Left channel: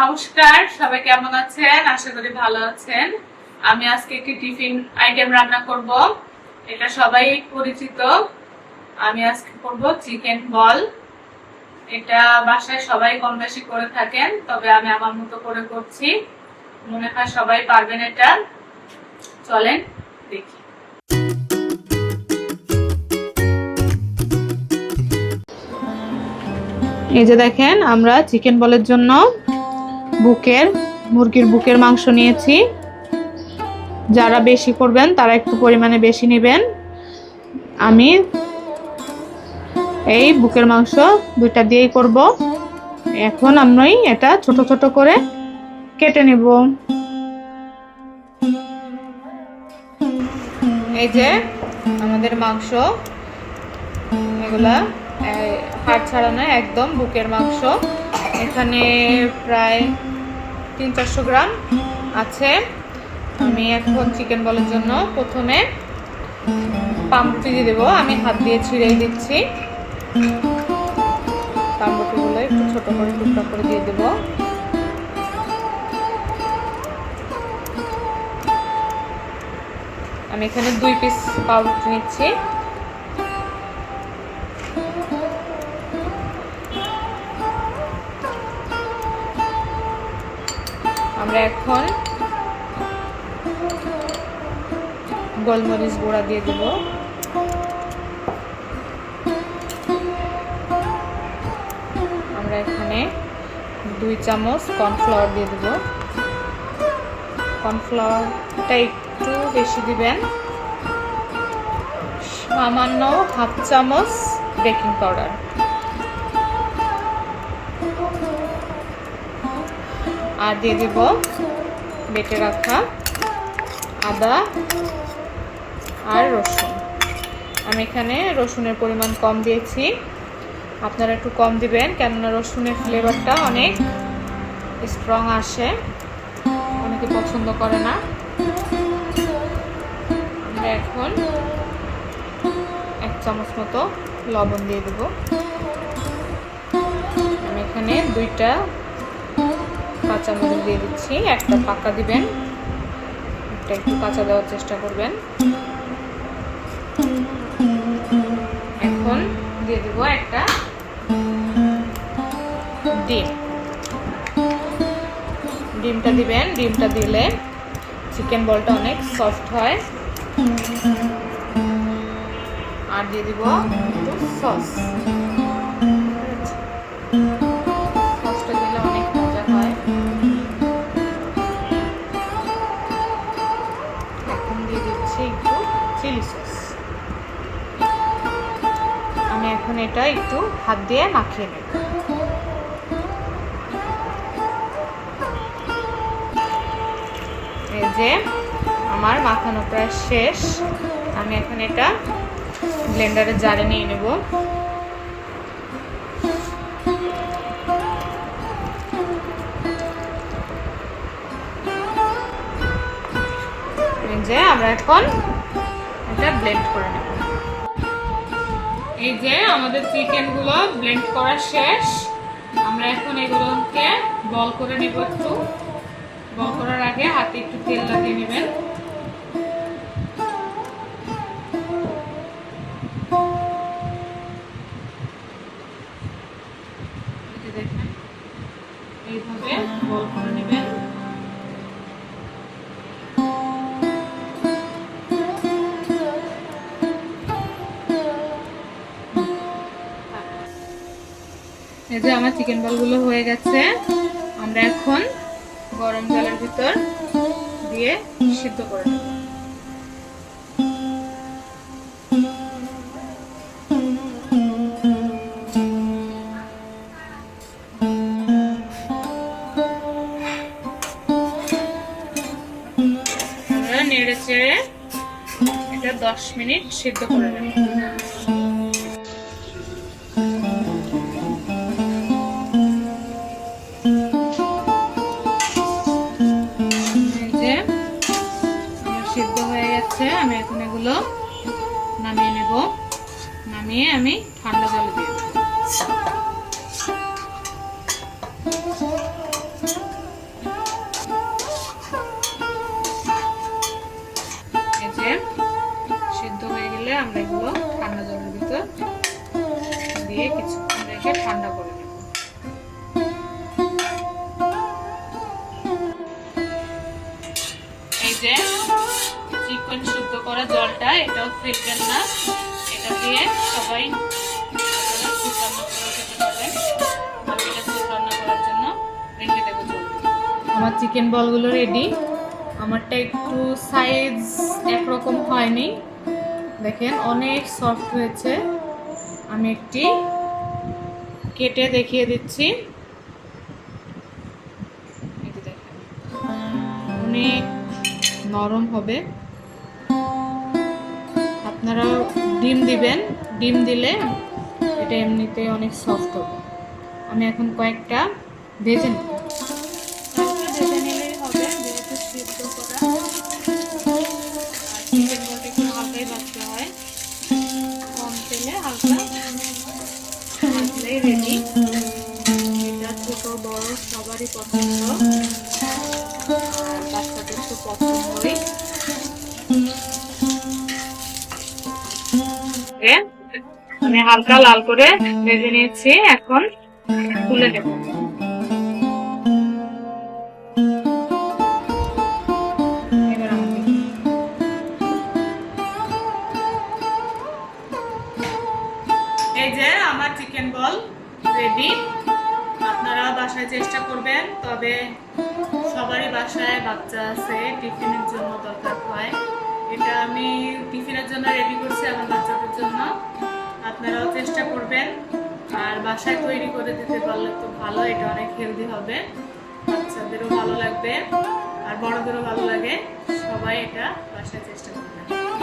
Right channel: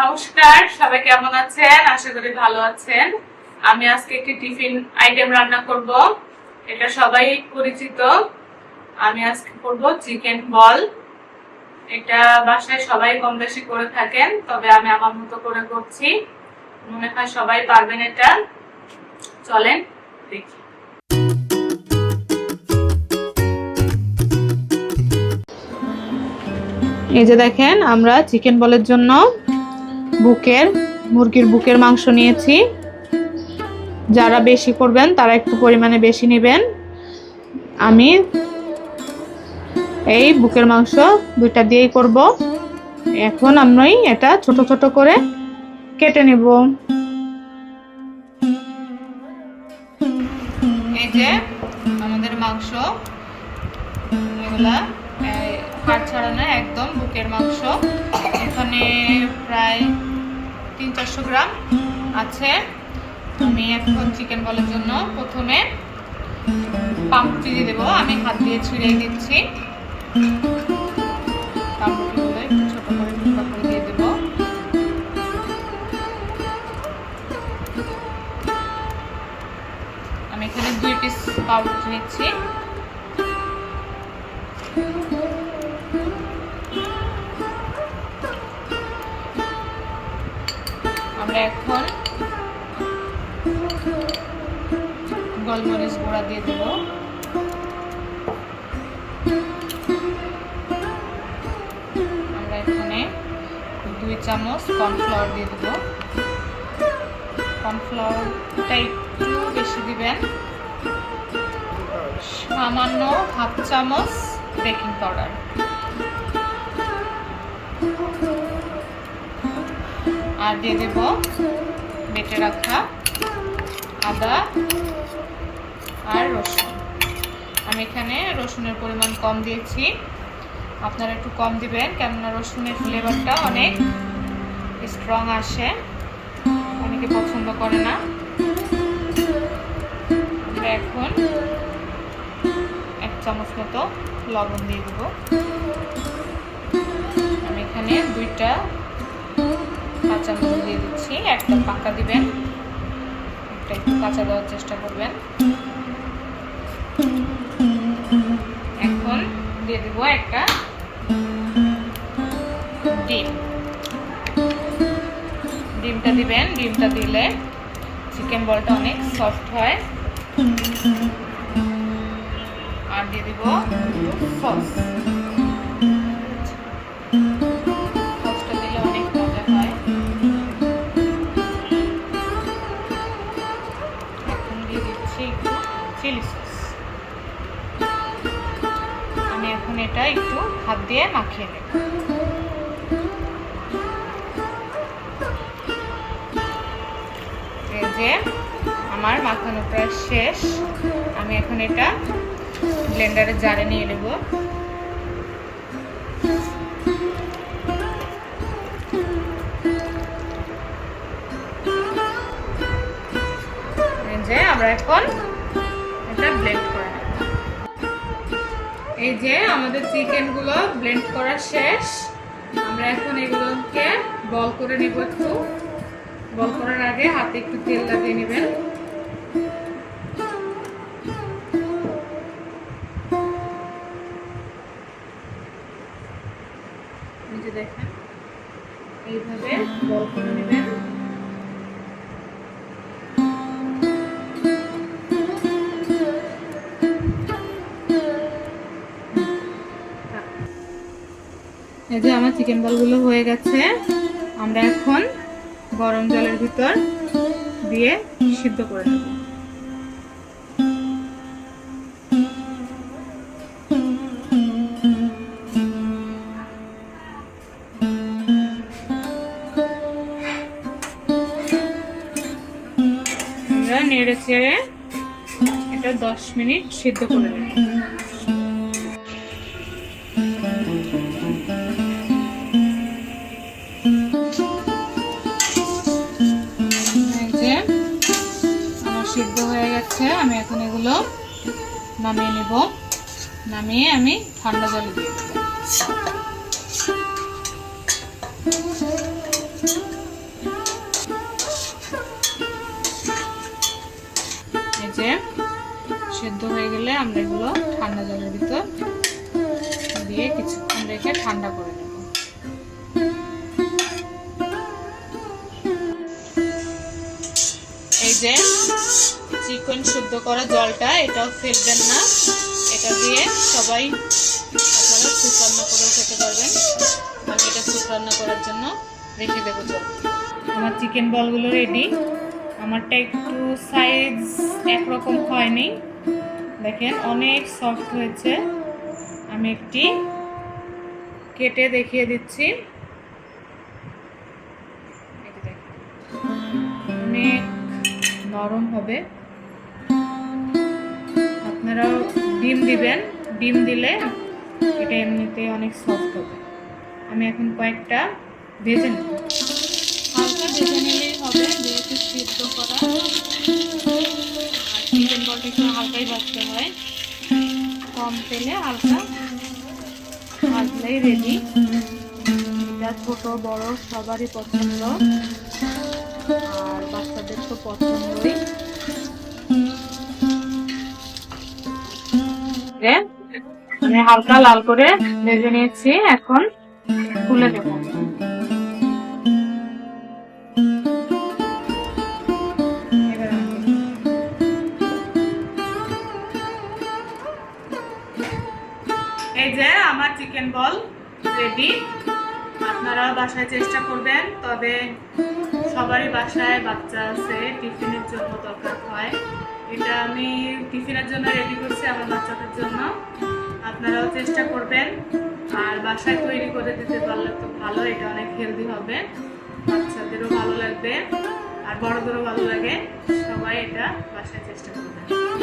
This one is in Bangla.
নমস্কার, সবাই কেমন আছেন? আশা করি ভালো আছেন। আমি আজকে একটি টিফিন আইটেম রান্না করব। এটা সবাই পরিচিত। আমি আজকে করব চিকেন বল। এটা বাসায় সবাই কম বেশি করে থাকেন, তবে আমি আমার মতো করে করছি। মনে হয় সবাই পারবেন এটা। চলেন দেখি। এই যে দেখেন, আমরা চিকেন বলের জন্য মুরগির বুকের মাংস নিয়েছি। যারা বেশি করবেন তারা একটু পরিমাণে বেশি নেবেন। আমি এই বুকের মাংস দুইটা দিয়েই করব। এখন আমি এটা ছোট ছোট করে কেটে নেব। এই যে আমাদের মাংস, এগুলা হাড় ছাড়া নয়, একদম বুকের মাংস। এখানে প্রায় 300-400 গ্রাম আছে। আমি এখন চিকেন বলের জন্য প্রথমে পাউরুটি দিয়ে দেবো। আমি হাত দিয়ে ছিঁড়ে দিচ্ছি। পাউরুটিগুলো একটু ছোট করে টুকরা করে দিয়ে দেবো। আমি এখানে 2 পিস পাউরুটি নিচ্ছি। আমরা এখন গোলমরিচ গুঁড়া দিয়ে দেবো। আমরা এখানে 2 চামচ কর্নফ্লাওয়ার দিয়ে দেবো। কর্নফ্লাওয়ারটা একটু বেশি দিবেন। সামান্য 1/2 চামচ বেকিং পাউডার। আর দিয়ে দেব বেটে রাখা আদা আর রসুন। আমি এখানে রসুনের পরিমাণ কম দিয়েছি, আপনারা একটু কম দিবেন, কেননা রসুনের ফ্লেভারটা অনেক স্ট্রং আসে, অনেকে পছন্দ করে না। আমরা এখন 1 চামচ মতো লবণ দিয়ে দেবো। আমি এখানে 2টা কাঁচামরিচ দিয়ে দিচ্ছি। একটা পাকা দিবেন, একটা একটু কাঁচা দেওয়ার চেষ্টা করবেন। এখন দিয়ে দেব একটা ডিম। ডিমটা দিবেন। ডিমটা দিলে চিকেন বলটা অনেক সফট হয়। আর দিয়ে দিব একটু সস। সসটা দিলে অনেক মজা হয়। এখন দিয়ে দিচ্ছি একটু চিলি সস। আমি এখন এটা একটু হাত দিয়ে মাখিয়ে নেব। এই যে আমার মাখানোটা শেষ। আমি এখন এটা ব্লেন্ডারের জারে নিয়ে নেব। এই যে আমরা এখন এটা ব্লেন্ড করে নেব। এই যে আমাদের চিকেনগুলো ব্লেন্ড করা শেষ। আমরা এখন এগুলোকে বল করে নেব। একটু বল করার আগে হাতে একটু তেল লাগিয়ে নেবেন। এই যে দেখেন, এইভাবে বল করে নেবেন। এই যে আমার চিকেন বলগুলো হয়ে গেছে। আমরা এখন গরম জলের ভিতর দিয়ে সিদ্ধ করে নেব। আমরা নেড়ে চেড়ে এটা 10 মিনিট সিদ্ধ করে নেব। সিদ্ধ হয়ে গেছে। আমি এখন এগুলো নামিয়ে নেব। নামিয়ে আমি ঠান্ডা জলে দিয়ে দেবো। এই যে সেদ্ধ হয়ে গেলে আমরা এগুলো ঠান্ডা জলের ভিতর দিয়ে কিছুক্ষণ রেখে ঠান্ডা করে নেব। এই যে চিকেন শুদ্ধ করা জলটা, এটাও ফেলবেন না। এটা দিয়ে সবাই আপনারা স্যুপ রান্না করে খেতে পারবেন। আমি এটা স্যুপ রান্না করার জন্য রেখে দেবো জল। আমার চিকেন বলগুলো রেডি। আমারটা একটু সাইজ একরকম হয়নি, দেখেন অনেক সফট হয়েছে। আমি একটি কেটে দেখিয়ে দিচ্ছি। অনেক নরম হবে। আপনারা ডিম দিবেন, ডিম দিলে এটা এমনিতে অনেক সফট হবে। আমি এখন কয়েকটা ভেজে নেব। হালকা ভেজে নিলেই হবে, যেহেতু সিদ্ধ করা। আর চিকেন বলটা একটু হালকাই ভাজতে হয়, কম তেলে হালকা ভাজলেই রেডি। এটা ছোট বড় সবারই পছন্দ, আর বাচ্চাদের তো পছন্দই। মানে হালকা লাল করে ভেজে নিয়েছি, এখন তুলে দেব। এই যে আমার চিকেন বল রেডি। আপনারা বাসায় চেষ্টা করবেন, তবে সবারই বাসায় বাচ্চা আছে, টিফিনের জন্য দরকার হয়। এটা আমি টিফিনের জন্য রেডি করছি আমার বাচ্চাদের জন্য। আপনারাও চেষ্টা করবেন, আর বাসায় তৈরি করে দিতে পারলে তো ভালো। এটা অনেক হেলদি হবে, বাচ্চাদেরও ভালো লাগবে আর বড়দেরও ভালো লাগে। সবাই এটা বাসায় চেষ্টা করবেন।